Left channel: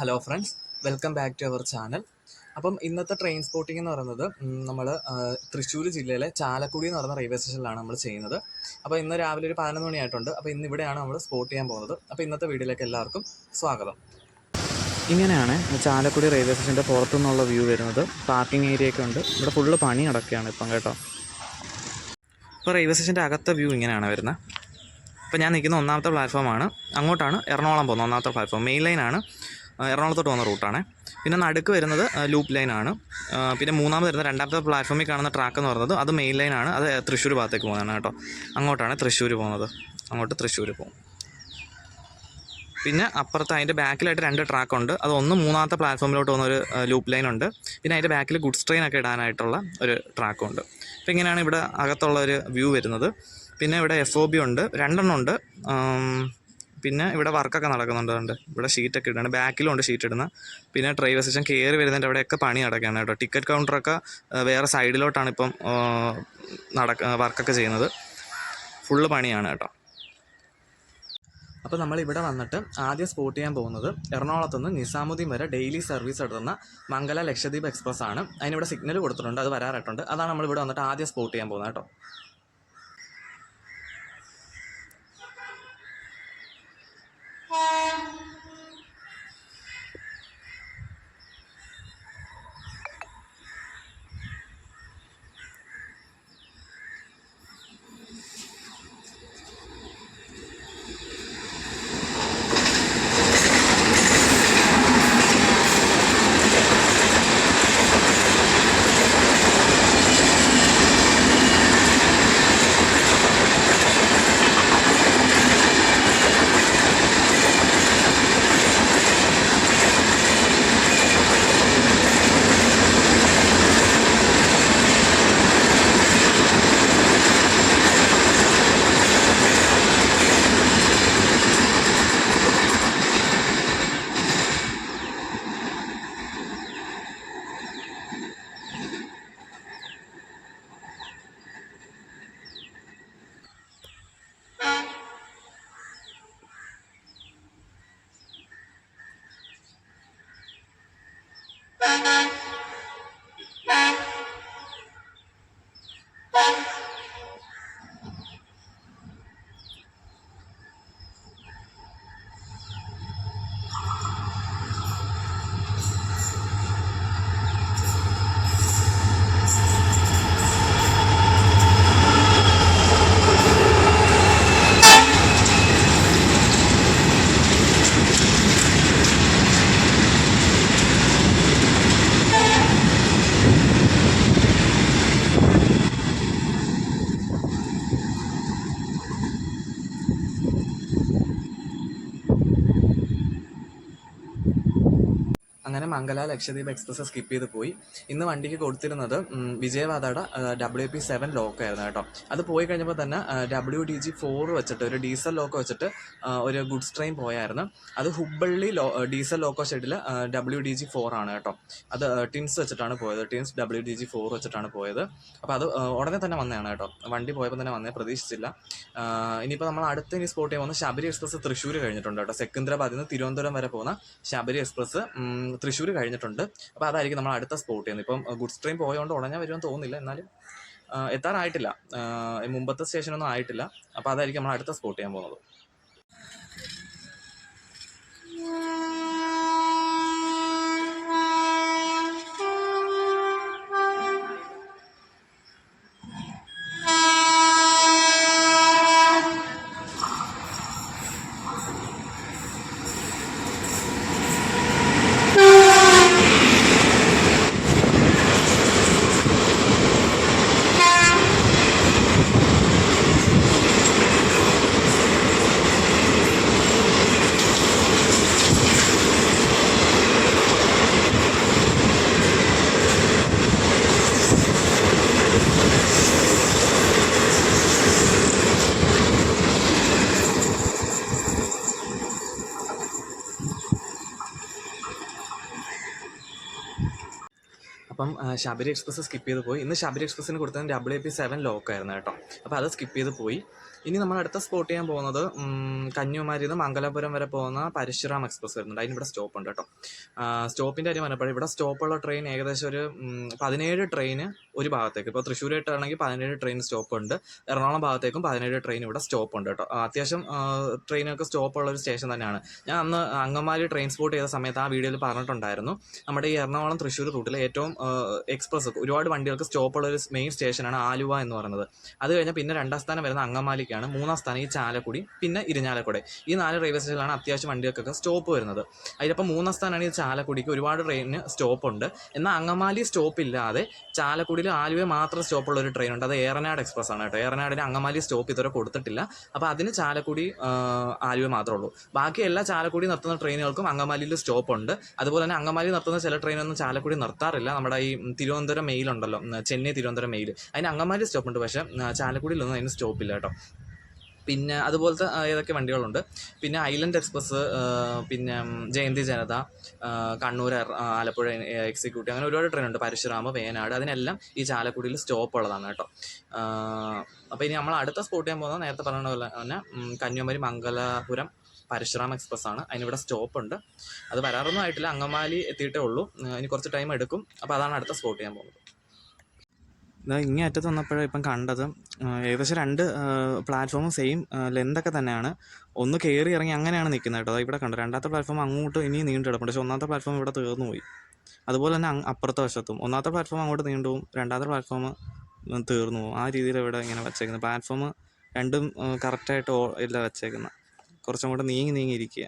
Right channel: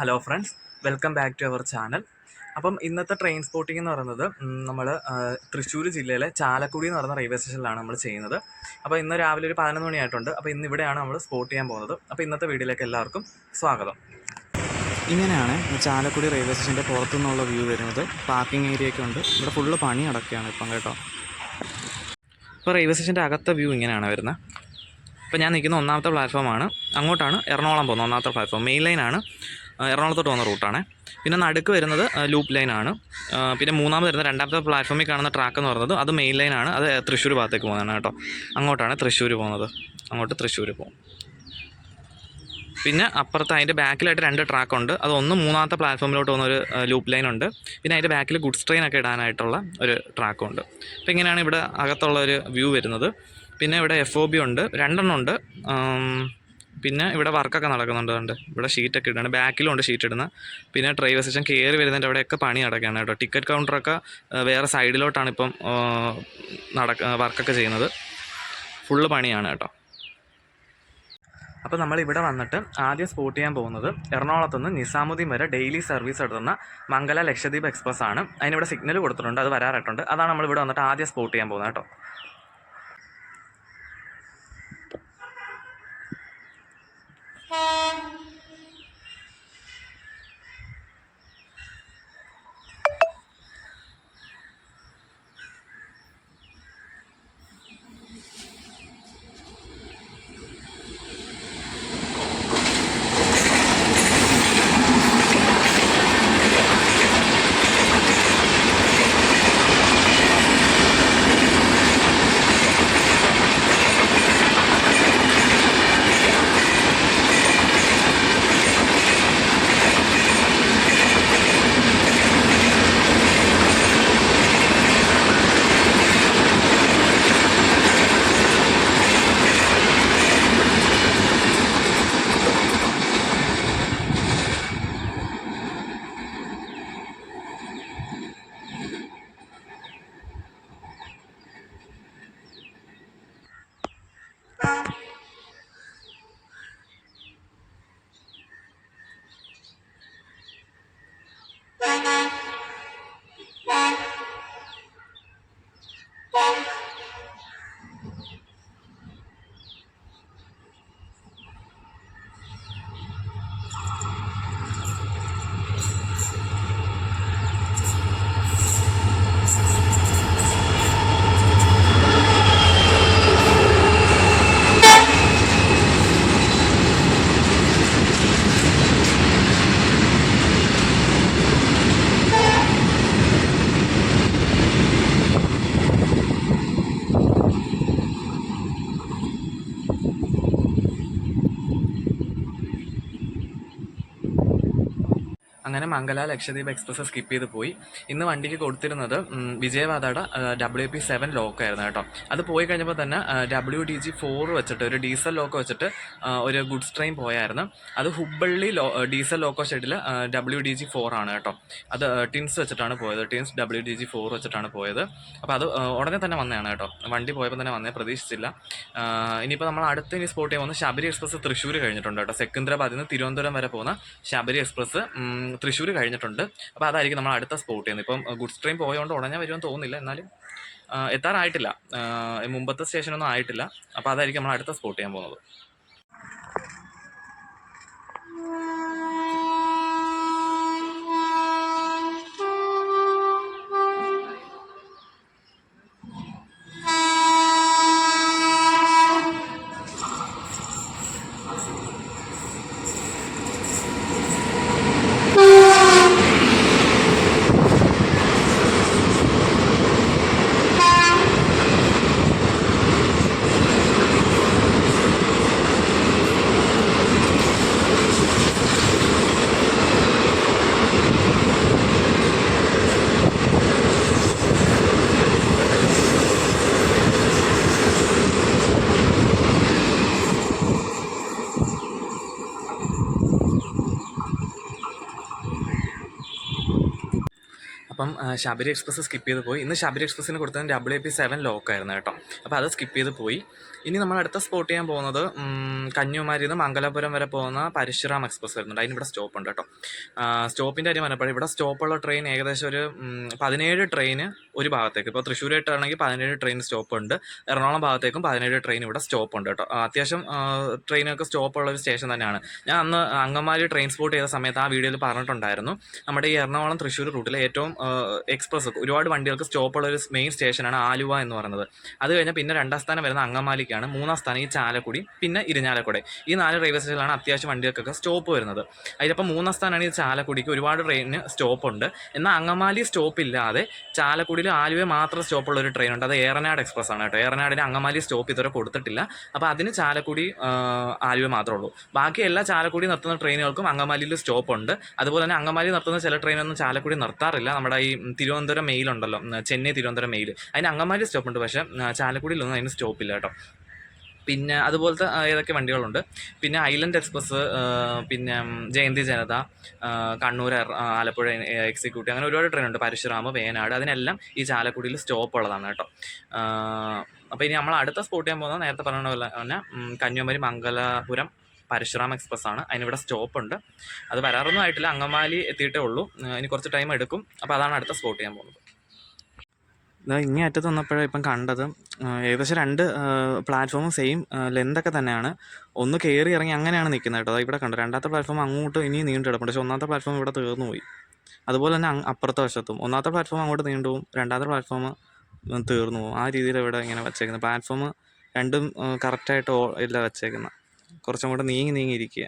Hello friends, welcome back to our channel. അപ്പം ഇന്നത്തെ train spotting എന്ന് പറയുന്നത് നമ്മൾ തൃശ്ശൂർ ജില്ലയിലെ ചാലക്കുടി എന്ന് പറയുന്ന റെയിൽവേ സ്റ്റേഷനിലാണ് നമ്മൾ ചെയ്യുന്നത്. അപ്പോൾ ഇന്ന് രാവിലെ ഒരു 11 മണിയായിട്ടുണ്ട്. അപ്പോൾ ഇന്ന് ഇവിടെയാണ് നമ്മൾ സ്പോട്ട് ചെയ്യാൻ പോകുന്നത്. അപ്പോൾ ഇന്നത്തെ വീഡിയോയിലേക്ക് എല്ലാവർക്കും സ്വാഗതം. ഇങ്ങനെയാണ് ചാലക്കുടി റെയിൽവേ സ്റ്റേഷൻ്റെ പുറത്തുനിന്നുള്ള വ്യൂ വരുന്നത്. പാർക്കിംഗ് ഏരിയ ഒക്കെ ഉണ്ട്. ഇവിടെ ഫുള്ള് പണി നടക്കുകയാണ് ഇപ്പം കേട്ടോ. ഇപ്പോൾ റെയിൽവേ സ്റ്റേഷൻ്റെ അകത്തെ വ്യൂ ഇങ്ങനെയാണ് വരുന്നത്. ഇപ്പോൾ ഞാൻ നിൽക്കുന്ന ഒന്നാമത്തെ പ്ലാറ്റ്ഫോമാണ്. അങ്ങോട്ടാണ് എറണാകുളം പോകുന്നത് ഒന്നാമത്തെ പ്ലാറ്റ്ഫോം. മെയിൻ ലൈനാണ്, എറണാകുളത്തോട്ട് പോകുന്ന റൂട്ടാണ്. പിന്നെ നടുക്ക് വരുന്നത് ലൂപ്പ് ലൈനാണ്. പിന്നെ മൂന്നാമത് വരുന്ന രണ്ടാമത്തെ പ്ലാറ്റ്ഫോമിൽ കാണുന്ന ട്രാക്ക് എന്ന് പറയുന്നത് അത് മെയിൻ ലൈനാണ്. അത് തൃശ്ശൂർ ഭാഗത്തേക്ക് പോകുന്നതാണ് കേട്ടോ. അങ്ങോട്ടാണ് തൃശ്ശൂർ പോകുന്നത്. അങ്ങോട്ട് തൃശ്ശൂർ പോകും. പിന്നെ അപ്പുറത്ത് അതിൻ്റെ ബാക്കിലായിട്ട് 2 ട്രാക്കുണ്ട്. അതൊന്ന് മൂന്നാമത്തെ പ്ലാറ്റ്ഫോമിലോട്ട് പോകുന്ന ഒരു ലൂപ്പ് ലൈനുണ്ട്. പിന്നെ അതിൻ്റെ ബാക്കിൽ ഗുഡ്സ് ട്രെയിനൊക്കെ ഇടാനായിട്ടുള്ള ഒരു ട്രാക്കുണ്ട്. അപ്പോൾ ഇങ്ങനെയാണ് ഇവിടെ അകത്തുള്ള ഒരു വ്യൂ വരുന്നത്. പിന്നെ ഇവിടെ FOB ഉണ്ട്, 2 എണ്ണം ഉണ്ട്. പിന്നെ ഇവിടെ വർക്കൊക്കെ നടക്കുന്നുണ്ട്. ഇവിടെ ഷീറ്റൊക്കെ ഇടുന്നുണ്ട്. ബാക്കിലും ഉണ്ട് ഷീറ്റ് ഇടുന്ന. പിന്നെ റെയിൽവേ സ്റ്റേഷൻ കയറി വരുന്നതിൻ്റെ അവിടെയൊക്കെ പണി നടക്കുകയാണ് കേട്ടോ. ടിക്കറ്റ് കൗണ്ടറൊക്കെ വേറെ സൈഡിലോട്ടാണ് ഇപ്പം വർക്കൊക്കെ ചെയ്യുന്നത്. ഫുള്ള് പണിയാണ് കേട്ടോ. അപ്പോൾ നമ്മളിവിടെ വന്നിട്ട് ആദ്യം സ്പോട്ട് ചെയ്യാൻ പോകുന്നത് എറണാകുളത്തുനിന്ന് നിസാമുദ്ദീൻ വരെ ഡെയിലി സർവീസ് എടുത്തുന്ന മംഗല ലക്ഷദ്വീപ് എക്സ്പ്രസ് ആണ്. അതിനിവിടെ സിഗ്നൽ കൊടുത്തിട്ടുണ്ട്, അത് വരാറായിട്ടുണ്ട്. അതാണ് നമ്മളിവിടെ വന്നിട്ട് ആദ്യം സ്പോട്ട് ചെയ്യാൻ പോകുന്നത് കേട്ടോ. അങ്ങനെ മംഗല ലക്ഷദ്വീപ് എക്സ്പ്രസ് സ്കിപ്പ് ചെയ്ത് പോയി. ഇന്ന് വണ്ടിക്ക് കൊടുത്തിരുന്നത് വിജയവാദയുടെ WP7 ലോക്ക് ആയിരുന്നു കേട്ടോ. അത് പോയി കഴിഞ്ഞപ്പോൾ തന്നെ WDG4 വെച്ചിട്ട് ഒരു ഡീസൽ ലോക്ക് വെച്ചിട്ട് ഒരു ഗുഡ്സ് ട്രെയിൻ പോയായിരുന്നു. അത് ഹുബ്ബള്ളി ഡീസൽ ലോക്കോ ഷെഡിൽ WDG4 ആണ് കേട്ടോ. അത് ടിൻസ് വെച്ചിട്ടാണ് പോയത്. ടിൻസ് WDG4 വെച്ചിട്ടാണ് പോയത്. അപ്പോൾ അത് ഉടനെ തന്നെ വന്നതാണ് കേട്ടോ. വണ്ടി പോയപ്പോൾ തന്നെ വന്നേ, പ്രതീക്ഷിച്ചില്ല. ഇനിയിപ്പോൾ നമ്മൾ ഇനി സ്പോട്ട് ചെയ്യാൻ പോകുന്ന ശബരി എക്സ്പ്രസ് തൃശ്ശൂർ കഴിഞ്ഞിട്ടുണ്ട് കേട്ടോ. സെക്കന്ദരാബാദിൽ നിന്ന് തിരുവനന്തപുരം വരെ പോകുന്ന ശബരി എക്സ്പ്രസ് തൃശ്ശൂർ കഴിഞ്ഞിട്ടുണ്ട്. അപ്പോൾ അതായിരിക്കും നമ്മൾ അടുത്ത സ്പോട്ട് ചെയ്യുന്നത്. ഇപ്പം ഗുഡ്സ് ട്രെയിൻ പോയതുകൊണ്ട് ഉടനെ വരുമെന്ന് തോന്നുന്നില്ല, എന്നാലും എത്താറായിട്ടില്ല, മുമ്പത്തെ സ്റ്റേഷനൊന്നും ആയിട്ടില്ല. അപ്പോൾ അതായിരിക്കും നമ്മൾ അടുത്ത സ്പോട്ട് ചെയ്യാൻ പോകുന്നത്. അപ്പം ശബരി എക്സ്പ്രസ് സ്കിപ്പ് ചെയ്ത് പോയി. ഇന്ന് ശബരി എക്സ്പ്രസ്സിന് കൊടുത്തത് WAP7 ലോക്കായിരുന്നു കേട്ടോ. അപ്പോൾ അത് സ്കിപ്പ് ചെയ്ത് പോയി. ഇനി നമ്മൾ അടുത്ത സ്പോട്ട് ചെയ്യാൻ പോകുന്നത് കന്യാകുമാരിയിൽ നിന്ന് മംഗലാപുരം വരെ പോകുന്ന പരശുറാം എക്സ്പ്രസ് വരുന്നുണ്ട്. അതിനിവിടെ സ്റ്റോപ്പ് ഉണ്ട് കേട്ടോ. സ്റ്റോപ്പിൻ്റെ കാര്യം പറഞ്ഞപ്പോൾ ഇവിടെ സ്റ്റോപ്പുള്ള ട്രെയിൻ ഏകദേശം ഒരു 17 ട്രെയിന് ഒരു ഭാഗത്തേക്ക്. ഇപ്പോൾ തൃശ്ശൂരായിട്ടാണെങ്കിൽ 17 ട്രെയിൻ സ്റ്റോപ്പ് ഉണ്ട്. എറണാകുളം ഭാഗത്തേക്കും 17 ട്രെയിൻ ഇവിടെ സ്റ്റോപ്പ് ഉണ്ട് കേട്ടോ. അത്യാവശ്യം ട്രെയിനൊക്കെ സ്റ്റോപ്പുള്ള ഒരു സ്റ്റേഷൻ തന്നെയാണ്. ഞാൻ അന്ന് അങ്കമാലി ട്രെയിൻ സ്പോട്ട് ചെയ്ത സമയത്ത് ആ വീഡിയോയിൽ പറഞ്ഞിട്ടുണ്ടായിരുന്നു, നമ്മുടെ ഈ എറണാകുളം തൃശ്ശൂർ റൂട്ടിലെ ഏറ്റവും എക്സ്പ്രസ് ഒരുപാട് വണ്ടികൾക്ക് സ്റ്റോപ്പുള്ള ഒരു മെയിൻ സ്റ്റേഷനാണ് ആലുവ എന്ന് പറയുന്നത്. അത് കഴിഞ്ഞാൽ പിന്നെ 2ാം സ്ഥാനം വരുന്ന അങ്കമാലിക്കാണ്. 3ാം സ്ഥാനം ഈ ചാലക്കുടി, പിന്നെ ഇരിഞ്ഞാലക്കുട. ഈ 4 റെയിൽവേ സ്റ്റേഷനിലാണ് അത്യാവശ്യം വണ്ടികൾക്കൊക്കെ സ്റ്റോപ്പ് വരുന്നത്. അതിലപ്പോൾ 3ാം സ്ഥാനമാണ് ഈ ചാലക്കുടിക്ക്. ഒരുപാട് ട്രെയിനിന് സ്റ്റോപ്പ് ഉണ്ട്. എന്നാൽ അങ്കമാലി സ്റ്റോപ്പ് ഇല്ലാതെ ചാലക്കുടിയിൽ ആലുവ മാത്രം സ്റ്റോപ്പുള്ള ഒരു ട്രെയിൻ ഉണ്ട്. അത് ഏറനാട് എക്സ്പ്രസ് ആണ് കേട്ടോ. ഏറനാടിന് അങ്കമാലി സ്റ്റോപ്പ് ഇതുവരെ കൊടുത്തിട്ടില്ല. അപ്പോൾ അതിന് ചാലക്കുടി ആലുവ മാത്രമേ ഉള്ളൂ. ബാക്കി എല്ലാ ചാലക്കുടി നിർത്തുന്ന ട്രെയിനുകൾക്കും അങ്കമാലിയിൽ സ്റ്റോപ്പ് ഉണ്ട്. അതുപോലെ തന്നെ അങ്കമാലി നിർത്തുന്ന ചില ട്രെയിനൊന്നും ചാലക്കുടി നിർത്താറില്ല. നമ്മുടെ ഈ തിരുവനന്തപുരം മെയിലുണ്ടല്ലോ, ചെന്നൈ തിരുവനന്തപുരം മെയിൽ, അതിന് അങ്കമാലി സ്റ്റോപ്പ് ഉണ്ട്. പക്ഷേ ചാലക്കുടിയിലൊന്നും അതിന് സ്റ്റോപ്പില്ല കേട്ടോ. പിന്നെ അതുപോലത്തെ ഏതൊക്കെ വണ്ടികളുണ്ട്. പിന്നെ ഐലൻഡ് എക്സ്പ്രസ്, പിന്നെ ജയന്തി ജനത, കണ്ണൂർ ആലപ്പുഴ എക്സിക്യൂട്ടീവ്, അങ്ങനെ ഒരുപാട് ട്രെയിനുണ്ട്. പരശുറാമ്, വേനാട്, അതിനെല്ലാം ഈ ചാലക്കുടിയിൽ സ്റ്റോപ്പ് ഉള്ളതാണ് കേട്ടോ. അപ്പോൾ ഇനി നമ്മൾ അടുത്ത സ്പോട്ട് ചെയ്യാൻ പോകുന്നത് നേരത്തെ പറഞ്ഞ പോലെ തന്നെ കന്യാകുമാരി മംഗലാപുരം പരശുറാം എക്സ്പ്രസ് ആണ്. അതിനിവിടെ സ്റ്റോപ്പ് ഉണ്ട്. അത് വരാറൊന്നും ആയിട്ടില്ല, അങ്കമാലി എത്തിയിട്ടേ ഉള്ളൂ. ഇനി കുറച്ച് ടൈം എടുക്കും. അപ്പോൾ അതാണ് അടുത്ത സ്പോട്ട് ചെയ്യാൻ പോകുന്നത്. ഇങ്ങേ അറ്റത്ത് വന്നപ്പോഴാണ് ഇപ്പം കണ്ടത്. ഏകദേശം 2 പ്ലാറ്റ്ഫോമും സെയിം ലെന്തൊക്കെ തന്നെയാണ്. ഒന്ന് കയറി ഇറങ്ങി അങ്ങനെയാണ് നിൽക്കുന്നത് കേട്ടോ. ഇവിടെ കണ്ടു 2ാമത്തെ പ്ലാറ്റ്ഫോം അങ്ങോട്ട് ഇനി നീണ്ടു കിടപ്പുണ്ട്. പക്ഷേ 1ാമത്തെ പ്ലാറ്റ്ഫോം ഇവിടെ തീർന്നു പോയി. അതുപോലെ തന്നെ അപ്പുറത്തെ വശത്തും 1ാമത്തെ പ്ലാറ്റ്ഫോം അങ്ങോട്ട് നീണ്ടുപോകും, 2ാമത്തെ പ്ലാറ്റ്ഫോം തീർന്നു പോകും. ആ രീതിയിൽ ഇവിടെ ഇങ്ങനെ വെച്ചേക്കുന്നത്. പ്ലാറ്റ്ഫോം രണ്ടും കറക്റ്റായിട്ട് ഇല്ല വെച്ചേക്കുന്നത്. കുറച്ചും കൂടെ നീങ്ങിയിരിക്കുക.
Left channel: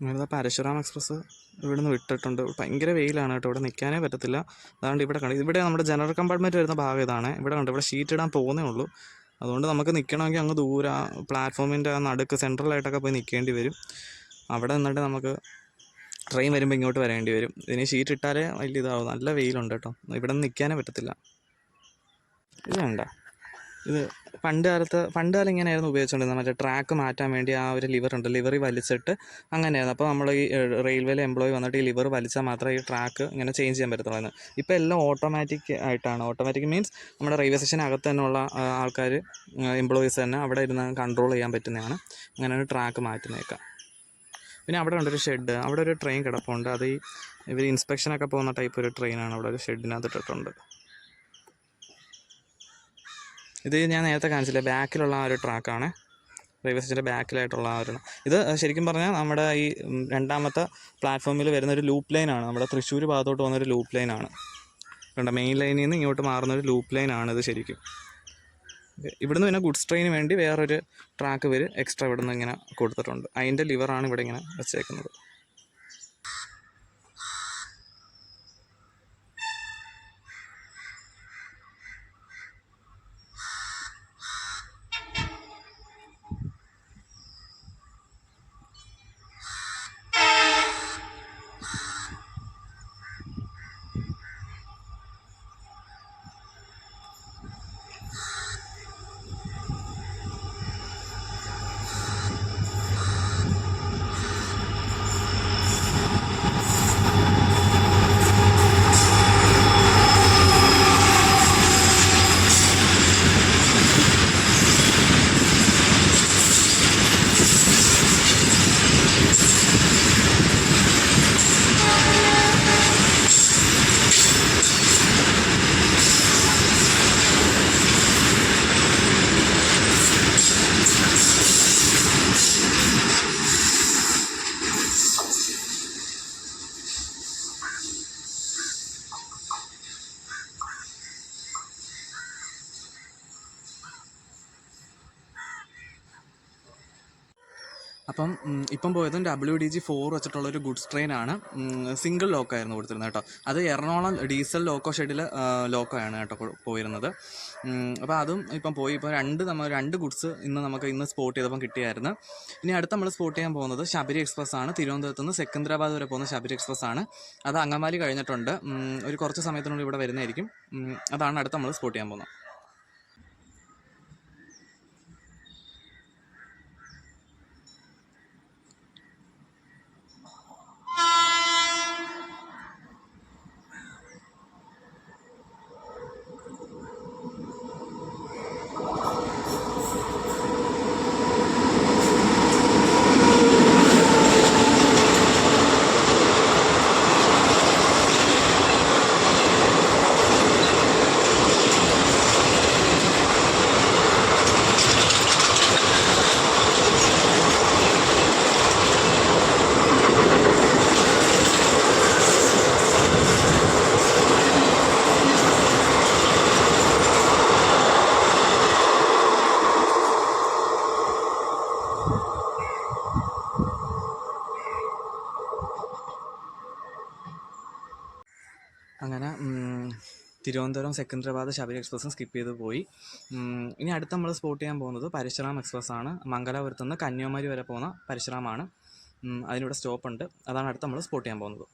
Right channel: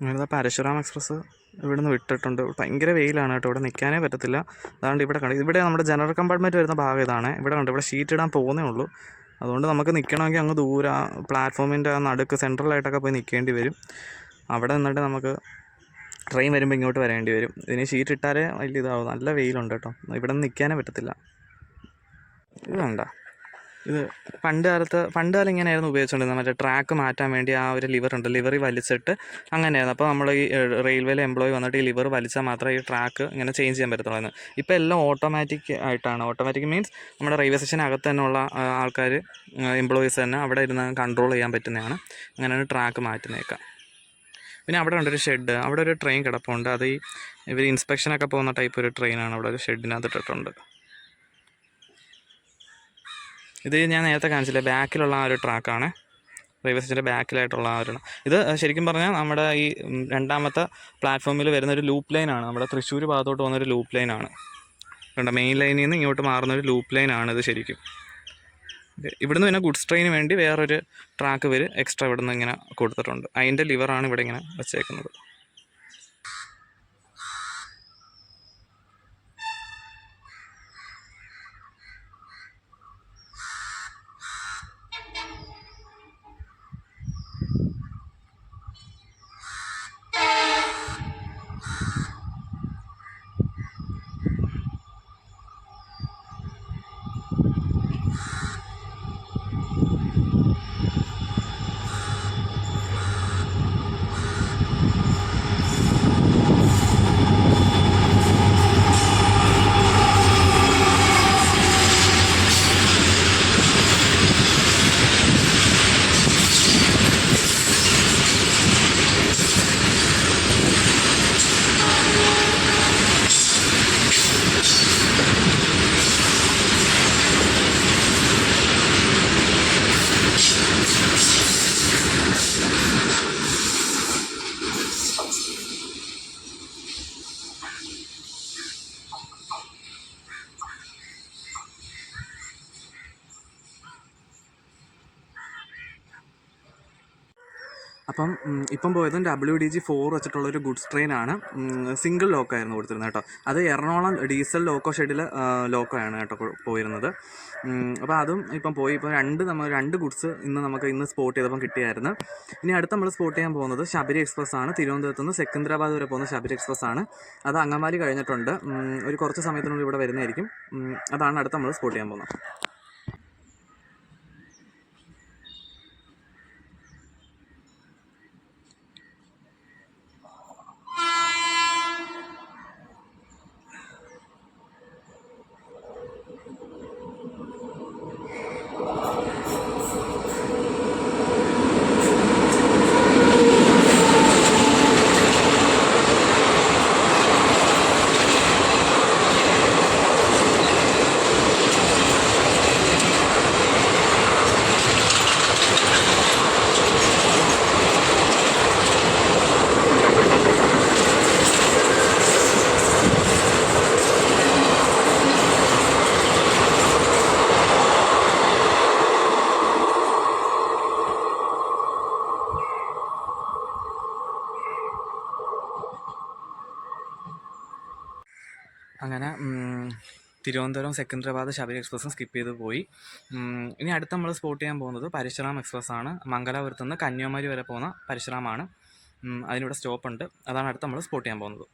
അങ്ങനെ പരശുറാം എക്സ്പ്രസ് ഇവിടെ നിന്ന് വിട്ടിട്ടുണ്ട്. ഭയങ്കര വെയിലാണ് കേട്ടോ. ഇവിടെ നിൽക്കാനേ പറ്റത്തില്ല. അതുകൊണ്ട് ഇവിടെ കണ്ടു, ഇവിടെ നമ്മുടെ ജനറൽ കമ്പാർട്ട്മെൻറ്റ് വരുന്ന ഭാഗം ഇതാണ്. ഇവിടെ കണ്ടു, ഇവിടെ ഷീറ്റ് ഇടാൻ പോകുന്നേ ഉള്ളൂ. അതുകൊണ്ട് നമുക്ക് നിൽക്കണമെങ്കിൽ അങ്ങ് ദൂരെ പ്ലാറ്റ്ഫോമിൻ്റെ നടുക്ക് സെൻട്രലായിട്ടൊക്കെ പോയി നിൽക്കേണ്ടി വരും. അവിടെ നിന്നിട്ട് നമുക്ക് ട്രെയിൻ വരുമ്പോൾ ഇങ്ങോട്ട് വരേണ്ടി വരും. ഇതിന് ഷീറ്റ് ഇട്ടാലേ വലിയ ഇതാവും. നല്ല വെയിലുണ്ട് കേട്ടോ. ഇവിടെ നിന്ന് നിൽക്കാനേ പറ്റത്തില്ല. ഇത് വേണ്ട, ഇത് പണ്ട് കാലം ഇങ്ങനെയായിരുന്നു ഉപയോഗിച്ചുകൊണ്ടിരുന്നത്. മറ്റേ ട്രാക്ക് മാറ്റാൻ വേണ്ടി ആ ഒരു ലിവർ ഉണ്ട്, ലിവറി വലിച്ചിട്ട് അങ്ങനെയായിരുന്നു. അപ്പോൾ നമ്മൾ ഈ റെയിൽവേയിലെ എംപ്ലോയി വന്നിട്ട് ഈ ലിവർ വലിച്ചാൽ മാത്രമേ ഈ ട്രാക്ക് ഇങ്ങനെ ചേഞ്ച് ചെയ്യാൻ പറ്റത്തുള്ളൂ. ഇപ്പോൾ എല്ലാം ഓട്ടോമാറ്റിക് ആയിട്ടാണ്. ഓട്ടോമാറ്റിക് മീൻസ് നമ്മുടെ റെയിൽവേ സ്റ്റേഷനകത്ത് തന്നെയുള്ള ആൾക്കാർ, എംപ്ലോയീസ് തന്നെ അവിടെ ഇരുന്ന് കൺട്രോൾ ചെയ്യാൻ പറ്റുന്നതാണ്. അങ്ങനെയാണ് ട്രാക്ക് മാറ്റുന്നേക്കാം. പിന്നെ അവിടെ ഉണ്ടൊരു ഷെഡ്, അവിടെ ഒരു ട്രെയിൻ കിടപ്പുണ്ട്. അത് ഇവർ ഇൻസ്പെക്ഷനൊക്കെ പോകുന്ന ടൈപ്പ് ഒരു ട്രെയിനാണ്. അവിടെ ഒരു ഷെഡിനകത്ത് ഇട്ടിട്ടുണ്ട്. ഇത് ഞാൻ നേരത്തെ കാണിച്ചില്ലേ, ബാക്കിലുള്ള ആ ഒരു ട്രാക്കാണ്. റെയിൽവേ സ്റ്റേഷൻ്റെ ബാക്കിലായിട്ടുള്ള ആ ഒരു, ഇത് ശരിക്കും പറഞ്ഞാൽ നമ്മുടെ ഈ 2ാമത്തെ പ്ലാറ്റ്ഫോമിൽ വരുന്നൊരു ലൂപ്പ് ലൈനാണ്. നമ്മുടെ തൃശ്ശൂർ ഭാഗത്തോട്ട് പോകുന്നൊരു ലൂപ്പ് ലൈനാണ്. കണ്ട, മെയിൻ ലൈനിൽ നിന്ന് ഇങ്ങോട്ട് മാറുന്നൊരു ലൂപ്പ് ലൈനാണ് ഇത് ശരിക്കും. ഇവിടുന്ന് പിന്നെ ഗുഡ്സ് ട്രെയിന് വേണ്ടി വേറൊരു ട്രാക്ക് ഇവർ എക്സ്ട്രാ ഇവിടുന്ന് ഇങ്ങനെ കൊടുത്തിട്ടുണ്ട്. അതിൻ്റെ ലിവറാണ് ഇവിടെ ഇങ്ങനെ വെച്ചേക്കുന്നത്. അപ്പം ഇപ്പം പോയതും WDG4 വെച്ചിട്ടുള്ളൊരു ഗുഡ്സ് ട്രെയിനാണ്. സിംഗിൾ ലോക്കായിരുന്നു കൊടുത്തിരുന്നത് കേട്ടോ. അത് എറണാകുളം ഡീസൽ ലോക്കോ ഷെഡിൽ ലോക്കോ ആണ് കേട്ടോ പോയിരുന്നത്. അപ്പോൾ അതും ഇപ്പം പോയി. ഇപ്പോൾ രണ്ട് ഗുഡ്സ് ഇന്ന് സ്പോട്ട് ചെയ്തപ്പം കിട്ടിയായിരുന്നു. ഇനി അടുത്ത് നമ്മൾ സ്പോട്ട് ചെയ്യാൻ പോകുന്നത് ശബരി എക്സ്പ്രസ് ആണ്. തിരുവനന്തപുരത്ത് നിന്ന് സെക്കന്ദരാബാദ് വരെ പോകുന്ന ശബരി എക്സ്പ്രസ് ആണ്. അത് അങ്കമാലി കഴിഞ്ഞിട്ടുണ്ട്. ഒരു കുറച്ച് സമയത്തിനുള്ളിൽ ഇവിടെ വരുന്നതായിരിക്കും. അതാണ് അടുത്ത് നമ്മൾ സ്പോട്ട് ചെയ്യാൻ പോകുന്നത്. അങ്ങനെ തിരുവനന്തപുരം സെക്കന്ദരാബാദ് ശബരി എക്സ്പ്രസ്സും സ്കിപ്പ് ചെയ്ത് പോയി. ഇനി അടുത്ത് നമ്മൾ സ്പോട്ട് ചെയ്യാൻ പോകുന്നത് പരശുറാം എക്സ്പ്രസ് ആണ്. മംഗലാപുരത്ത് നിന്ന് കന്യാകുമാരി വരെ പോകുന്ന പരശുറാമാണ്. അതിനിവിടെ സ്റ്റോപ്പുണ്ട്. അതാണ് അടുത്ത് നമ്മൾ സ്പോട്ട് ചെയ്യാൻ പോകുന്നത്.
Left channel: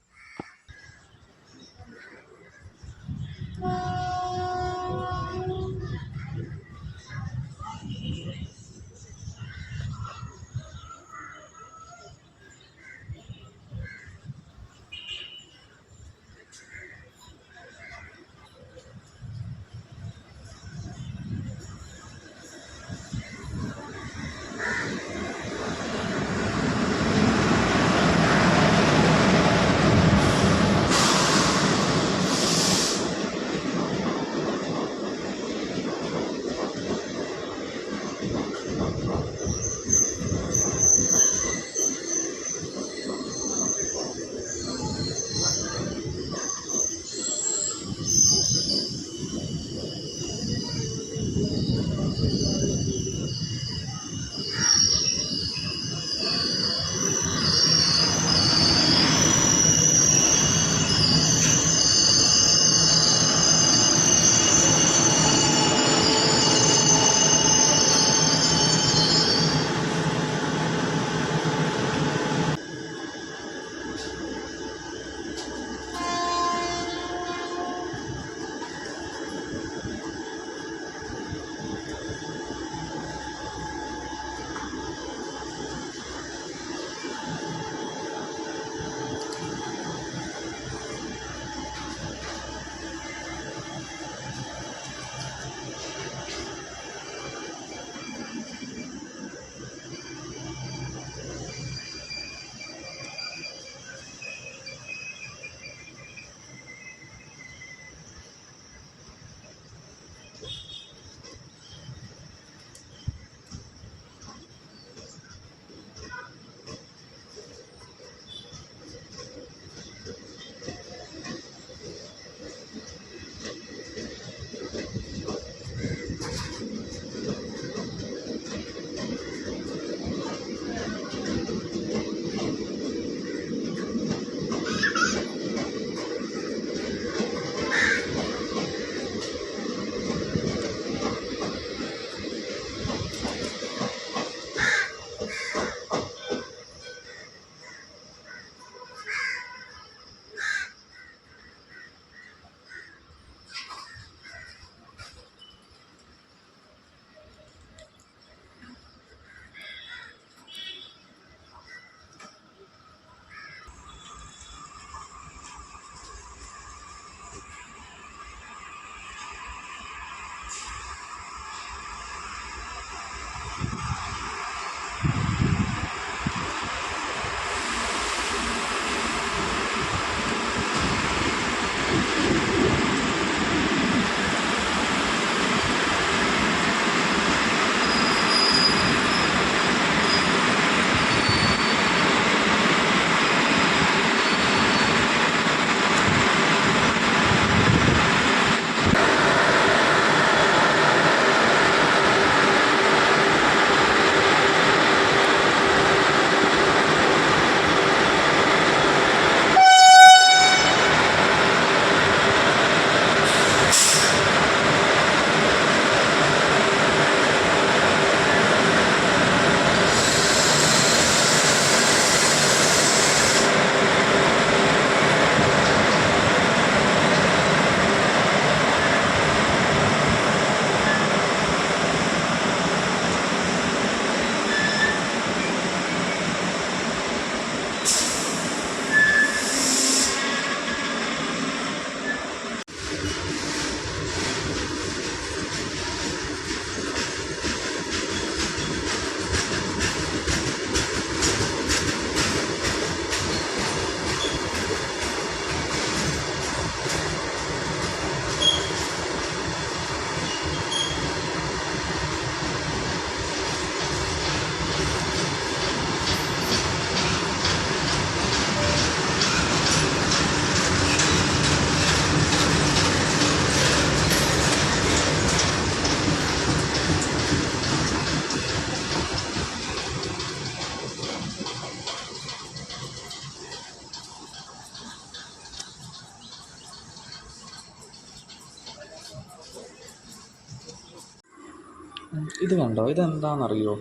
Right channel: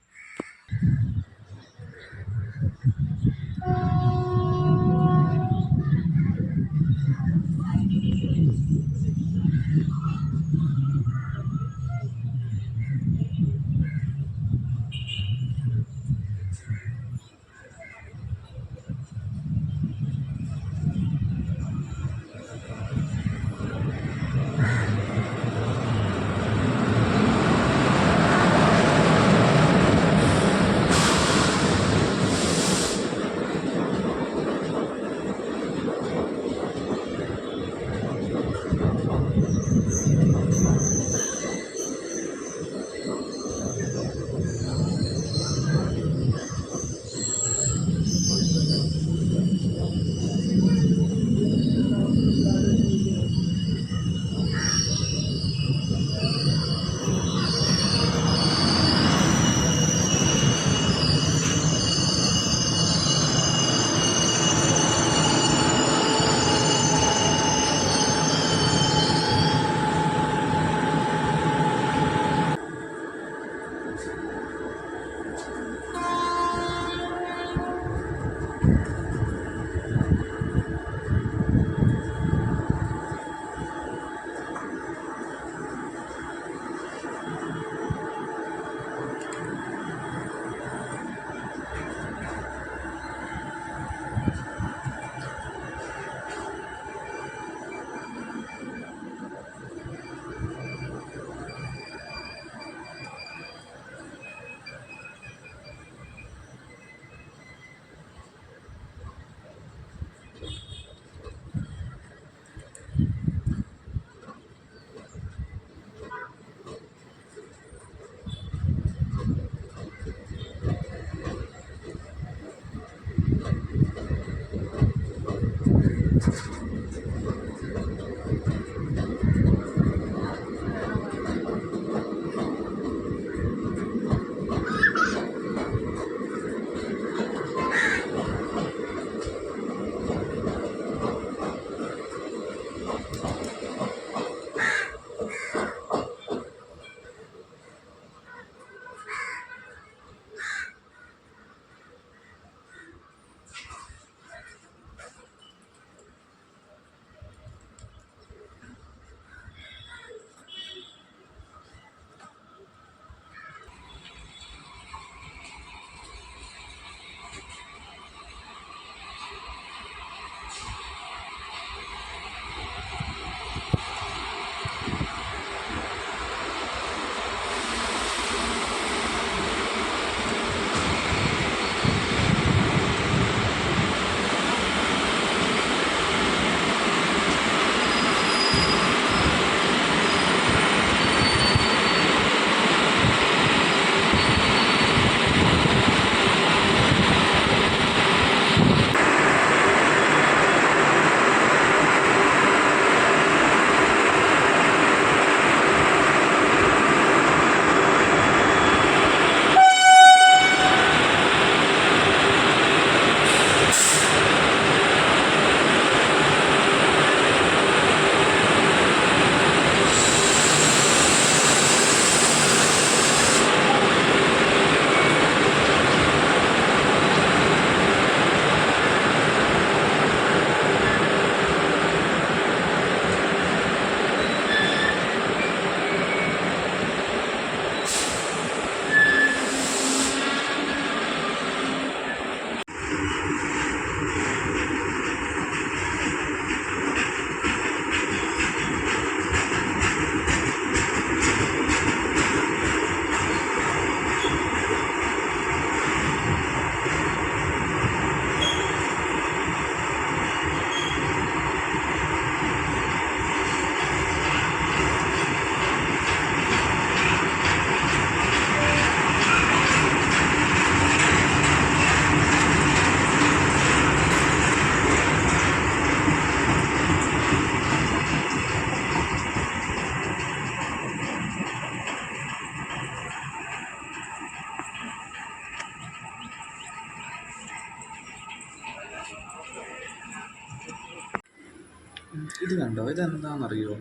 ഇത് കണ്ടോ, ഇതെന്താണെന്നറിയോ?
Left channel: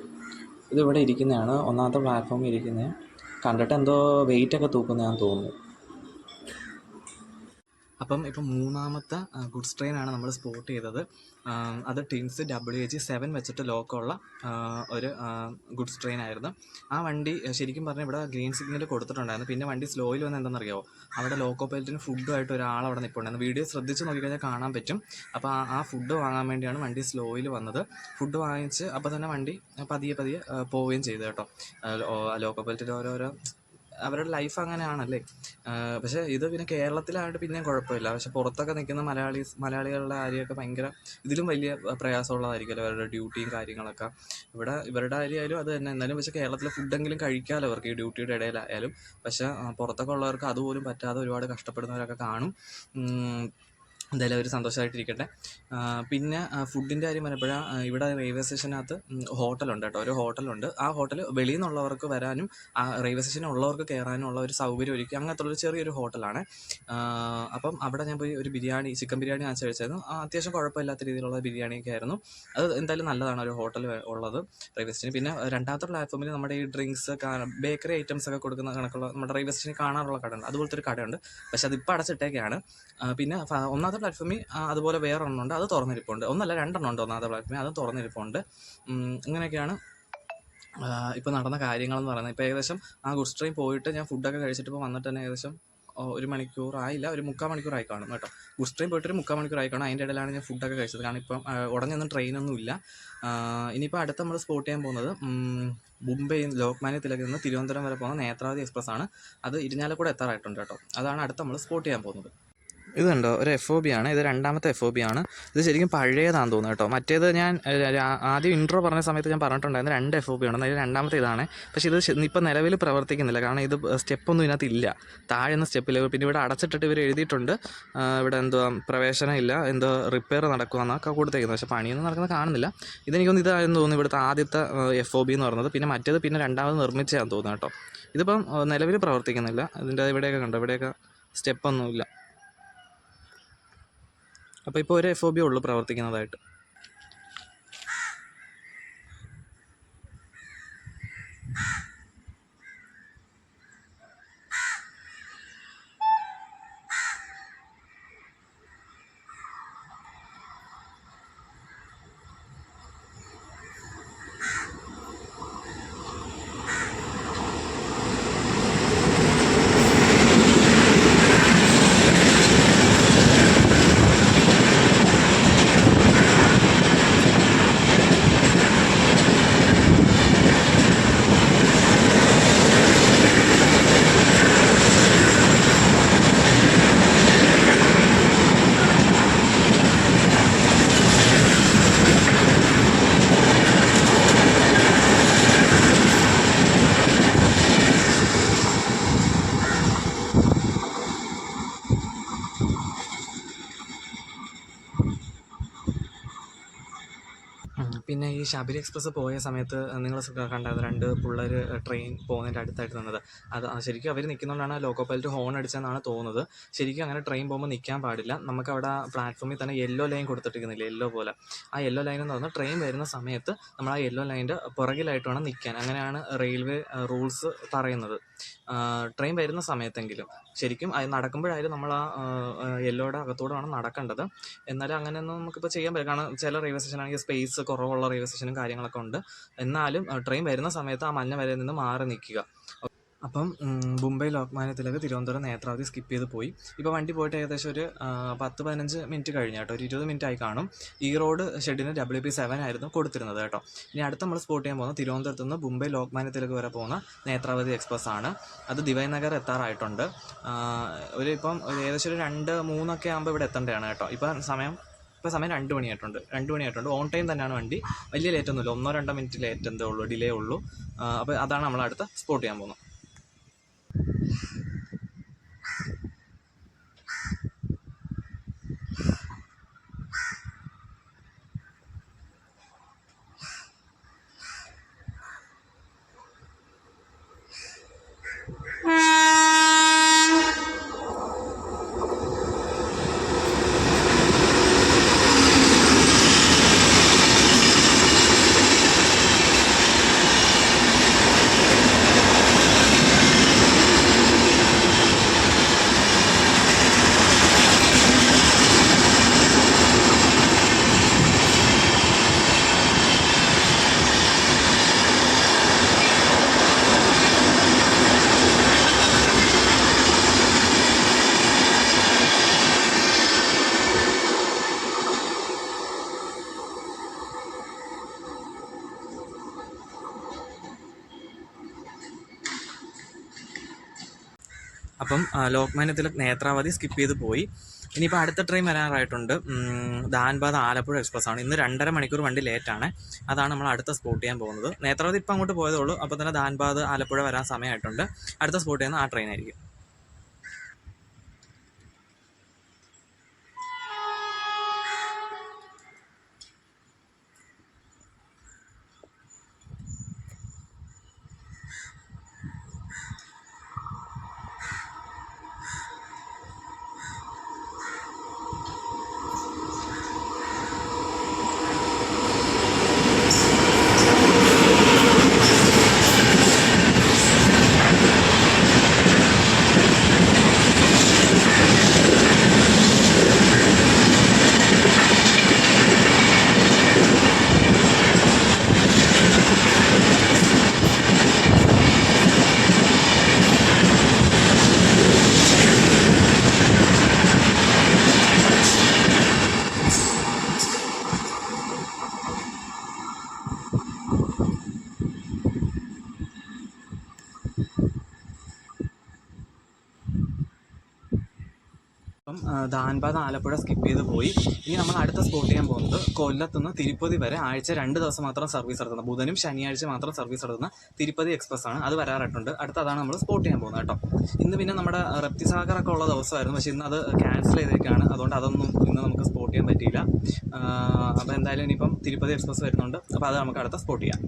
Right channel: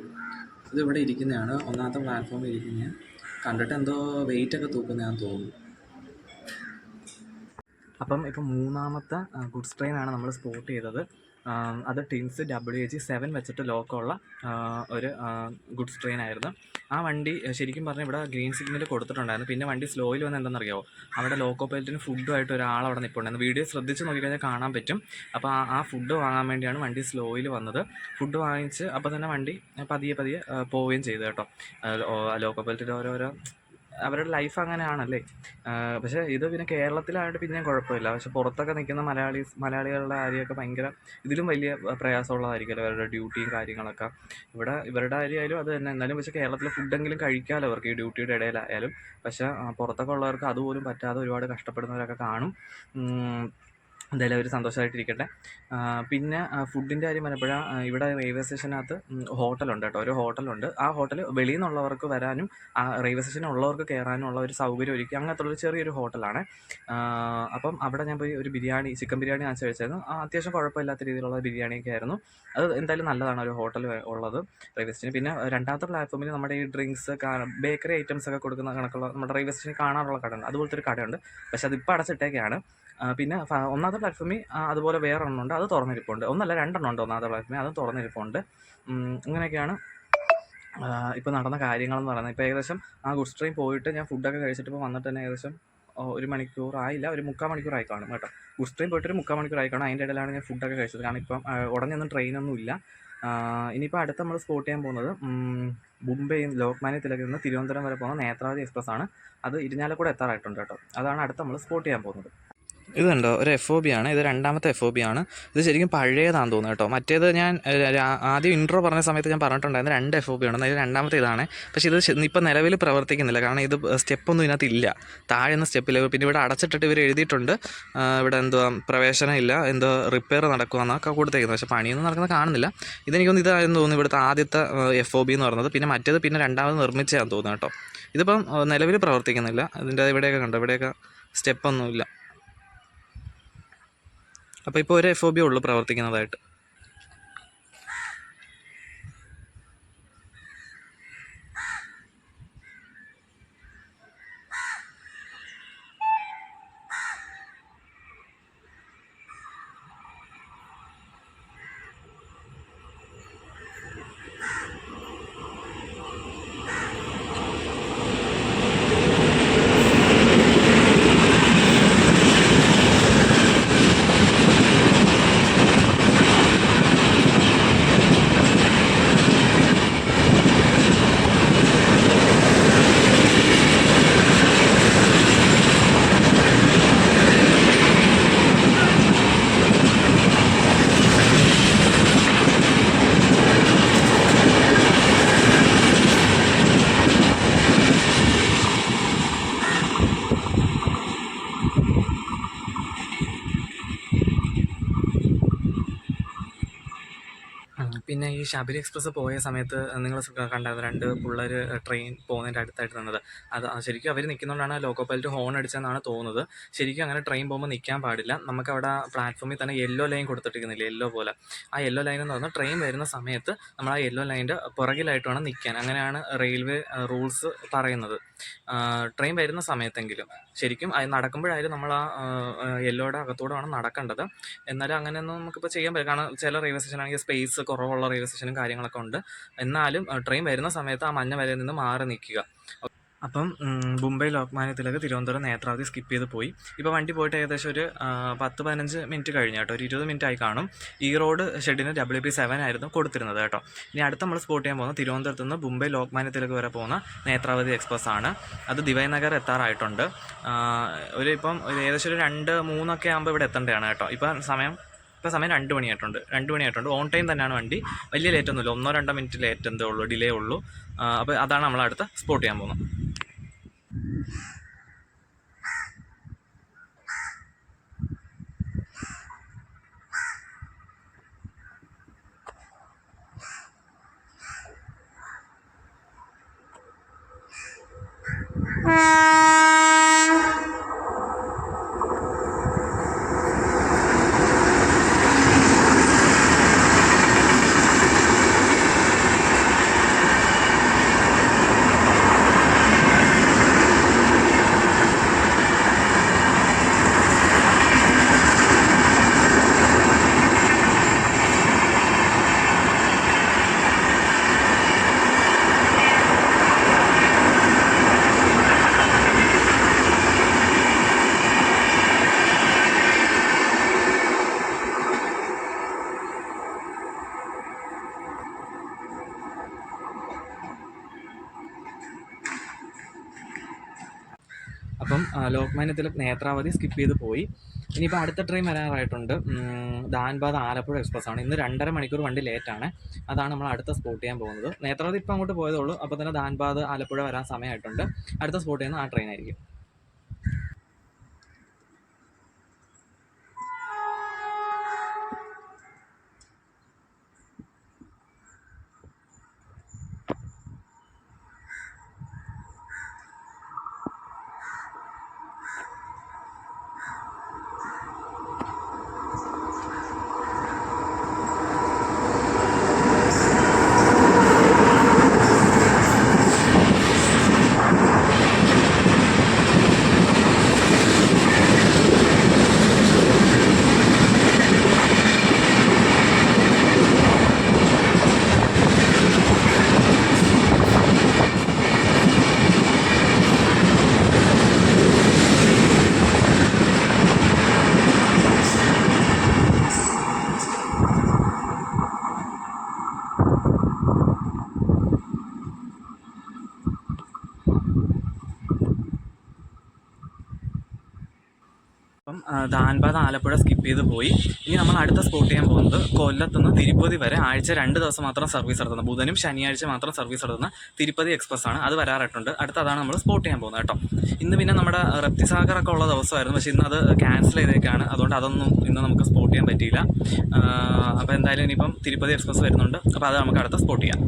ഇതിവിടെ ഇരിക്കുന്നതാണ്, ഒന്നാമത്തെ പ്ലാറ്റ്ഫോമിൽ ഇരിക്കുന്നതാണ്. കണ്ടിട്ട് എന്തോ വെയിറ്റൊക്കെ തൂക്കുന്നതാണെന്ന് തോന്നുന്നു. അപ്പം ഇപ്പം മൂന്നാമത്തെ ഗുഡ്സ് ട്രെയിനാണ് നമ്മൾ സ്പോട്ട് ചെയ്തത്. അത് ടിൻസ് WH7 വെച്ചിട്ട് ലോക്കമുള്ള ഒരു ഗുഡ്സ് ട്രെയിൻ ആയിരുന്നു. ആ വണ്ടി ശരിക്കും പറഞ്ഞാൽ ഇവിടെ ഗ്രീൻ സിഗ്നൽ കൊടുത്തിട്ടുണ്ടായിരുന്നു. പിന്നെ വണ്ടി സ്ലോയിൽ വന്ന് എന്താണെന്നറിയാമോ, അവിടെ ലോക്കോ പൈലറ്റിന് ഫുഡുമായിട്ട് ഒരാൾ അവിടെ നിൽപ്പുണ്ടായിരുന്നു. വീഡിയോ ശ്രദ്ധിച്ച് നോക്കിക്കഴിഞ്ഞാൽ കാണാൻ പറ്റും. അപ്പോൾ ആ ഫുഡ് വാങ്ങാൻ വേണ്ടിയാണ് വണ്ടി സ്ലോയിൽ വന്നത്. ഫുഡ് വാങ്ങിച്ച് അപ്പോൾ തന്നെ വണ്ടി പതിയെ പോവുകയും ചെയ്തു കേട്ടോ. ലോക്കോ പൈലറ്റിൻ്റെ ഓരോരോ അവരുടെ ലൈഫ് അങ്ങനെയാണല്ലേ. പക്ഷേ ഇത് പിന്നെ കേരളത്തിലായിട്ട് പിന്നെയും കുഴപ്പമില്ല. പക്ഷെ പുറത്തൊക്കെ നിൽക്കുന്ന മലയാളികളുടെ കാര്യമൊക്കെ ഭയങ്കര ഇതിലും വലിയ പ്രയാസമുള്ളതായിരിക്കുമല്ലോ അവരുടെ ഡ്യൂട്ടിയും കാര്യങ്ങളൊക്കെ. ഇവിടെ ഇവരുടെ കാര്യമായാലും അത് തന്നെ. എന്നാലും പക്ഷേ കേരളത്തിലെ ഫുഡെങ്കിലും കഴിക്കാമല്ലോ അവർക്ക് ഈ ഡ്യൂട്ടിയുടെ ഇടയിലായാലും. പക്ഷേ പുറത്തൊക്കെ ഉള്ളവർക്ക് അതുപോലും പറ്റാതെ ഒരുപാട് കഷ്ടപ്പെടുന്നവരൊക്കെ കാണും. എന്തായാലും അവർ സന്തോഷമായിട്ടിരിക്കട്ടെ. പിന്നെ ഫുഡിൻ്റെ കാര്യം പറഞ്ഞപ്പോഴാണ് ഇവിടെ റെയിൽവേ സ്റ്റേഷനകത്ത് ഹോട്ടലുണ്ട് കേട്ടോ. ഒരു ഹോട്ടലുണ്ട്. ആ ഹോട്ടൽ വെളിയിൽ നിന്നുള്ളവർക്ക് വരാനും ആ റെയിൽവേ സ്റ്റേഷനിൽ ഉള്ളവർക്ക് കയറാനും ഉള്ള ഒരു സൗകര്യം ഒരുക്കി അങ്ങനത്തുള്ളൊരു ചെറിയൊരു ഹോട്ടലാണ്. അപ്പം അവിടെ ഞാൻ പോയി ഒരു ചിക്കൻ ബിരിയാണി വാങ്ങിച്ച് കഴിച്ചായിരുന്നു. അത്യാവശ്യം കുഴപ്പമില്ലാത്ത രീതിയിലുള്ള ബിരിയാണിയൊക്കെ ആയിരുന്നു. അത് എന്തായാലും നല്ലതാണ് ഒരു ഹോട്ടൽ ഉള്ളത് റെയിൽവേ സ്റ്റേഷനിൽ. പിന്നെ രണ്ടാമത്തെ പ്ലാറ്റ്ഫോമിൽ നമ്മുടെ ഈ ഡ്രിങ്ക്സ് ബേക്കറി ഐറ്റംസ് ഒക്കെ കൊടുക്കുന്ന കണക്കുള്ള നമ്മുടെ റെയിൽവേ സ്റ്റേഷനിൽ കാണാനുള്ള കടയുണ്ട്. അതുപോലത്തെ ഒരു കടയുണ്ട്. പക്ഷെ അതിപ്പോൾ അടച്ചിട്ടേക്കാണ്. പിന്നെ ഒന്നാമത്തെ പ്ലാറ്റ്ഫോമിൽ അതുപോലെ വേറെ എണ്ണമുണ്ട്, അത് തുറന്നിരിപ്പുണ്ട്. ഒന്നല്ല രണ്ടെണ്ണം ഉണ്ട് ഒന്നാമത്തെ പ്ലാറ്റ്ഫോമിൽ, അതും തുറന്നിരിപ്പുണ്ട്. ഇങ്ങനെയൊക്കെയാണ് ഇപ്പോൾ നടന്ന കാര്യങ്ങളെന്ന് പറയുന്നത്. ഇപ്പോൾ ഏകദേശം ആ ഗുഡ്സ് ട്രെയിൻ പോയിട്ട് ഞാൻ ഫുഡൊക്കെ കഴിച്ചിട്ട് ഇപ്പോൾ വന്നിട്ട് തന്നെ ഏകദേശം 1 മണിക്കൂറായില്ല, ഒരു 3/4 മണിക്കൂറായി കാണും കേട്ടോ. ഗുഡ്സ് ട്രെയിൻ പോയിട്ട് ഒരു 3/4 മണിക്കൂറായി കാണും. അതിൻ്റെ ഇടയിലാണ് ഞാൻ ഫുഡൊക്കെ കഴിച്ചത്. കാരണം ഇപ്പം ഉടനെയൊന്നും ട്രെയിനൊന്നും ഇല്ല. ഇനിയിപ്പോൾ അടുത്ത് നമ്മൾ സ്പോട്ട് ചെയ്യാൻ പോകുന്നത് മുംബൈ ലോക്മാന്യ തിലകിൽ നിന്ന് തിരുവനന്തപുരം വരെ പോകുന്ന നേത്രാവതി എക്സ്പ്രസ് ആണ്. അത് ഇരിഞ്ഞാലക്കുട എത്താറായിട്ടുണ്ട് കേട്ടോ. അതാണ് അടുത്ത് നമ്മൾ സ്പോട്ട് ചെയ്യാൻ പോകുന്നത്. ഇത് കണ്ടോ, ഒരു FOB ആണ്. ഇത് രണ്ടാമത്തെ FOB ആണ്. ഇത് ശരിക്കും പഴയതാണെന്ന് തോന്നുന്നു കേട്ടോ. മറ്റേത് ഞാൻ ആദ്യം ഇൻട്രോ പറഞ്ഞ സമയത്ത് ഞാൻ പറഞ്ഞിട്ടുണ്ടായിരുന്നു 2 FOB ആണെന്ന്. അതിൽ രണ്ടാമത്തെ ഇതാണ്. പക്ഷേ ഇത് ഇപ്പോൾ നിലവിൽ പ്രവർത്തിക്കുന്നില്ല. കാരണം ഇത് സ്റ്റെപ്പൊന്നും ഇതിനകത്തില്ല, താഴെയൊന്നും സ്റ്റെപ്പില്ല. പിന്നെ ഇവിടെ അടച്ചിട്ടിട്ട് ഇവർ എഴുതിയിട്ടുണ്ട് ഇവിടെ എന്തുവാ പ്രവേശനം ഇല്ല, എന്തോ റിപ്പയർ നടക്കുകയെന്നൊക്കെ കൊടുത്തേക്കുന്നത്. പക്ഷേ പണിയൊന്നും നടക്കുന്നത് കാണുന്നില്ല. ഇതെനിക്കൊന്ന് ഇതായെന്ന് തോന്നുന്നു ഇവിടുത്തെ ആദ്യത്തെ FOB എന്ന് പറയുന്നത്. പിന്നെ മറ്റേത് പിന്നെ രണ്ടാമത് നിർമ്മിച്ചതാണെന്ന് തോന്നുന്നു കേട്ടോ. ഇതിപ്പം നിലവിൽ പ്രവർത്തിക്കുന്നില്ല. ഇതിൻ്റെ ഇവിടെയൊക്കെ കണ്ടോ, ഇവിടെയൊക്കെ സ്റ്റെപ്പൊന്നുമില്ല. അപ്പോൾ ഇപ്പോൾ ഒരു FOB ഉള്ളൂ പ്രവർത്തിക്കുന്നതായിട്ട്. പിന്നെ ഈ ശബരി എക്സ്പ്രസ് പോയ സമയത്ത് നിങ്ങൾ കണ്ടായിരുന്നു 2 പിള്ളേർ ട്രെയിൻ പോകുന്നതിൻ്റെ അടുത്തായിട്ട് നിന്നത്. അത് ശരിക്കും അവർ നിൽക്കുന്നതുകൊണ്ടാണ് ലോക്കോ പൈലറ്റ് ഹോൺ അടിച്ചതെന്നാണ് തോന്നുന്നത്. ശരിക്കും അങ്ങനെ ട്രെയിൻ പോകുമ്പോൾ നിൽക്കാൻ പാടില്ല. നമുക്കവിടെ പ്ലാറ്റ്ഫോമിൽ തന്നെ യെല്ലോ ലൈൻ കൊടുത്തിട്ടിരിക്കുന്നില്ല, യെല്ലോ പോലെ. ആ യെല്ലോ ലൈൻ എന്ന് പറഞ്ഞാൽ ട്രെയിൻ വരുന്ന സമയത്ത് നമ്മൾ ആ യെല്ലോ ലൈനിൻ്റെ പുറകിലായിട്ട് വേണം നിൽക്കാൻ. അങ്ങനെയാണ് റെയിൽവേ റൂൾസ് പറയുന്നത്. ട്രെയിൻ വരുന്ന സമയത്തെങ്കിലും. ശരിക്കും അത് നടക്കുമ്പോഴായാലും നമ്മൾ ആ യെല്ലോയുടെ അകത്തൂടെ വേണം നടക്കേണ്ടത്. എന്നാലും അങ്ങനെയൊന്നും നമുക്കിപ്പോൾ ചെയ്യാൻ പറ്റില്ല. കാരണം ചില റെയിൽവേ സ്റ്റേഷനാണെങ്കിൽ സ്പേസ് കുറവുള്ള റെയിൽവേ സ്റ്റേഷനും കാര്യങ്ങളൊക്കെ ഉണ്ട്. എന്നാലും ട്രെയിൻ വരുന്ന സമയത്ത് ആ മഞ്ഞ വരയിൽ നിന്ന് മാറി നിൽക്കുക. അപ്പം മുംബൈ ലോക്മാന്യ തിലക് തിരുവനന്തപുരം നേത്രാവതി സ്കിപ്പ് ചെയ്ത് പോയി. ഇപ്പോൾ വണ്ടി പോയിട്ട് ഏകദേശം ഒരു 10-15 മിനിറ്റ് കഴിഞ്ഞു കേട്ടോ. ഒരു 20 മിനിറ്റ് ആയി കാണും. ഈ റോഡ് ഷെഡിന് WP7 ആയിരുന്നു കൊടുത്തിരുന്നത് കേട്ടോ. ഇനി അടുത്ത് നമ്മൾ സ്പോട്ട് ചെയ്യാൻ പോകുന്നത് തിരുവനന്തപുരത്ത് നിന്ന് മുംബൈ ലോക്മാന്യ തിലക് വരെ പോകുന്ന നേത്രാവതി എക്സ്പ്രസ് ആണ്. അത് ദിവൈനഗർ എത്താറായിട്ടുണ്ട്. ഇപ്പം ഏകദേശം ഒരു 2-3 ആകുമ്പോൾ ഇവിടെ എത്തേണ്ടതാണ് കേട്ടോ. ഇപ്പോൾ സമയം 2 മണിയായിട്ടുണ്ട്. ഓൺ ടൈം തന്നെയാണ് വണ്ടി. വലിയ ലേറ്റൊന്നുമില്ല, 1-2 മിനിറ്റ് ലേറ്റ് എന്തേ ഉള്ളൂ, ഡിലേ ഉള്ളൂ. അപ്പോൾ അതാണ് നമ്മൾ അടുത്ത് സ്പോട്ട് ചെയ്യാൻ പോകുന്നത്. അപ്പം ലോക്മാന്യ തിലക് നേത്രാവതി സ്കിപ്പ് ചെയ്ത് പോയി. ഇനിയിപ്പോൾ അടുത്ത ട്രെയിൻ വരാറായിട്ടുണ്ട്. ധാൻബാദ് ആലപ്പുഴ എക്സ്പ്രസ് ആണ്. ഇന്ന് 2.5 മണിക്കൂർ വണ്ടി ലേറ്റാണ്. അതാണ് നമ്മൾ അടുത്ത സ്പോട്ട് ചെയ്യാൻ പോകുന്നത്. നേത്രാവതി ഇപ്പം അങ്ങോട്ട് പോയതേ ഉള്ളൂ. അപ്പോൾ തന്നെ ധാൻബാദ് ആലപ്പുഴ വരാൻ സമയമായിട്ടുണ്ട്. അടുത്ത സ്പോട്ട് ചെയ്യുന്ന ആ ട്രെയിൻ ആയിരിക്കും. അപ്പം ധാൻബാദ് ആലപ്പുഴ സ്കിപ്പ് ചെയ്ത് പോയി. ഇനി നമ്മൾ അടുത്ത സ്പോട്ട് ചെയ്യാൻ പോകുന്നത് കൊല്ലത്തുനിന്ന് തിരുപ്പതി വരെ ആഴ്ച 2 ദിവസം മാത്രം സർവീസ് നടത്തുന്ന, ബുധനും ശനിയാഴ്ച മാത്രം സർവീസ് നടത്തുന്ന തിരുപ്പതി എക്സ്പ്രസ് ആണ്. അത് വരാറായിട്ടുണ്ട്. അടുത്തതാണ് നമ്മൾ സ്പോട്ട് ചെയ്യാൻ പോകുന്നത് കേട്ടോ. ഇന്ന് പിന്നെ നമ്മുടെ റപ്തിസാഗറൊക്കെ ഉള്ള ദിവസമായിരുന്നു, പക്ഷേ ഇന്ന് അത് ക്യാൻസൽ ചെയ്തേക്കാണ്. അതുകൊണ്ട് അതൊന്നും ഇന്ന് നമുക്ക് സ്പോട്ട് ചെയ്യാൻ പറ്റിയില്ല. അപ്പോൾ എന്തായാലും ഇനിയിപ്പം തിരുപ്പതി എക്സ്പ്രസ് വരുന്നുണ്ട്. അപ്പോൾ അത് നമുക്ക് അടുത്ത സ്പോട്ട് ചെയ്യാം.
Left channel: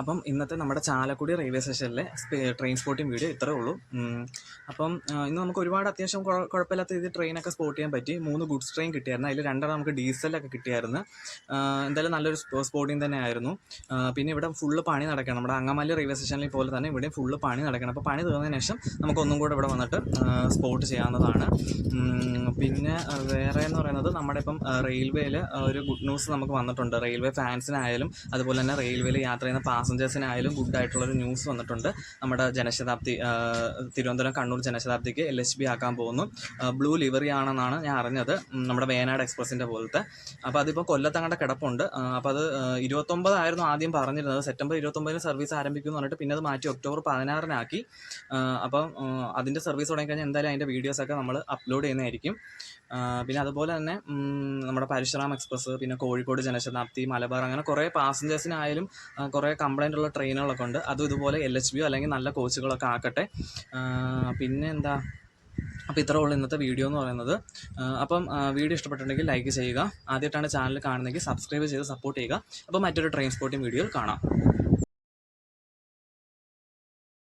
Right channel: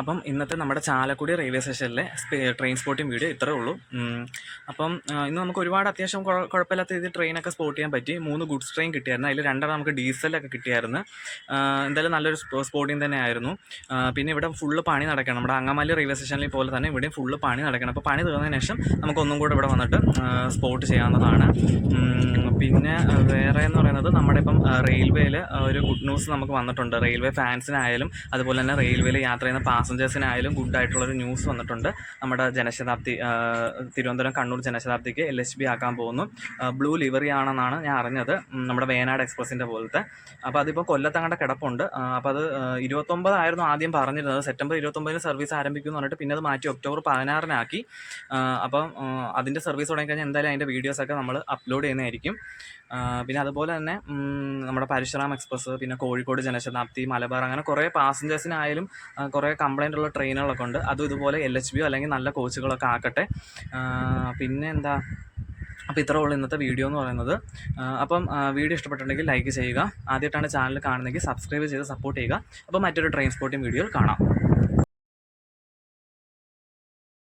അപ്പം ഇന്നത്തെ നമ്മുടെ ചാലക്കുടി റെയിൽവേ സ്റ്റേഷനിലെ ട്രെയിൻ സ്പോട്ടിംഗ് വീഡിയോ ഇത്രേ ഉള്ളൂ. അപ്പം ഇന്ന് നമുക്ക് ഒരുപാട് അത്യാവശ്യം കുഴപ്പമില്ലാത്ത രീതിയിൽ ട്രെയിനൊക്കെ സ്പോട്ട് ചെയ്യാൻ പറ്റി. 3 ഗുഡ്സ് ട്രെയിൻ കിട്ടിയായിരുന്നു. അതിൽ 2 നമുക്ക് ഡീസലൊക്കെ കിട്ടിയായിരുന്നു. എന്തായാലും നല്ലൊരു സ്പോട്ടിംഗ് തന്നെ ആയിരുന്നു. പിന്നെ ഇവിടെ ഫുള്ള് പണി നടക്കണം. നമ്മുടെ അങ്ങമാലി റെയിൽവേ സ്റ്റേഷനിൽ പോലെ തന്നെ ഇവിടെയും ഫുള്ള് പണി നടക്കണം. അപ്പോൾ പണി തീർന്നതിന് ശേഷം നമുക്ക് ഒന്നും കൂടെ ഇവിടെ വന്നിട്ട് സ്പോട്ട് ചെയ്യാവുന്നതാണ്. പിന്നെ വേറെ എന്ന് പറയുന്നത് നമ്മുടെ ഇപ്പം റെയിൽവേയിൽ ഒരു ഗുഡ് ന്യൂസ് നമുക്ക് വന്നിട്ടുണ്ട്. റെയിൽവേ ഫാൻസിനായാലും അതുപോലെ തന്നെ റെയിൽവേയിൽ യാത്ര ചെയ്യുന്ന പാസഞ്ചേഴ്സിനായാലും ഗുഡായിട്ടുള്ളൊരു ന്യൂസ് വന്നിട്ടുണ്ട്. നമ്മുടെ ജനശതാബ്ദി തിരുവനന്തപുരം കണ്ണൂർ ജനശതാബ്ദിക്ക് LHB ആക്കാൻ പോകുന്നു. ബ്ലൂ ലിവറി ആണെന്നാണ് ഞാൻ അറിഞ്ഞത്, നമ്മുടെ വേനാട് എക്സ്പ്രസിൻ്റെ പോലത്തെ. അപ്പോൾ അതിപ്പോൾ കൊല്ലത്തങ്ങടെ കിടപ്പുണ്ട്. അപ്പോൾ അത് 29 ആയിരുന്നു ആദ്യം പറഞ്ഞിരുന്നത്. സെപ്റ്റംബർ 29 സർവീസ് ആരംഭിക്കുമെന്ന് പറഞ്ഞിട്ട് പിന്നെ അത് മാറ്റി ഒക്ടോബർ 16 അപ്പം അതിൻ്റെ സർവീസ് തുടങ്ങിക്കഴിഞ്ഞാൽ എന്തായാലും അതിൻ്റെ വീഡിയോസൊക്കെ നമ്മൾ അപ്ലോഡ് ചെയ്യുന്നതായിരിക്കും. പിന്നെ അതുപോലെ തന്നെ നമ്മുടെ പരശുറാം എക്സ്പ്രസ്, പിന്നെ കോഴിക്കോട് ജനശതാബ്ദി, മലബാർ, അങ്ങനെ കുറേ പാസഞ്ചേഴ്സിനായാലും കുറേ കംപ്ലൈൻ്റ് ഉള്ള ട്രെയിനുകളൊക്കെ ഉണ്ട്. അതും ഇതുപോലെ LHB അല്ലെങ്കിൽ നല്ല കോച്ചുകളൊക്കെ ആക്കട്ടെ. പിന്നെ എന്താ, അപ്പോൾ ഇത്രേ ഉള്ളൂ ഇന്നത്തെ വീഡിയോ എന്ന് പറയുന്നത്. അപ്പം വീഡിയോ ഇഷ്ടപ്പെട്ടിട്ടുണ്ടെങ്കിൽ ലൈക്ക് ചെയ്യുക. ആദ്യമായിട്ടാണ് ചാനൽ കാണുന്നതെങ്കിൽ സബ്സ്ക്രൈബ് ചെയ്ത് സപ്പോർട്ട് ചെയ്യുക. അപ്പോൾ മറ്റൊരു ട്രെയിൻ സ്പോട്ടിംഗ് വീഡിയോയിൽ കാണാം.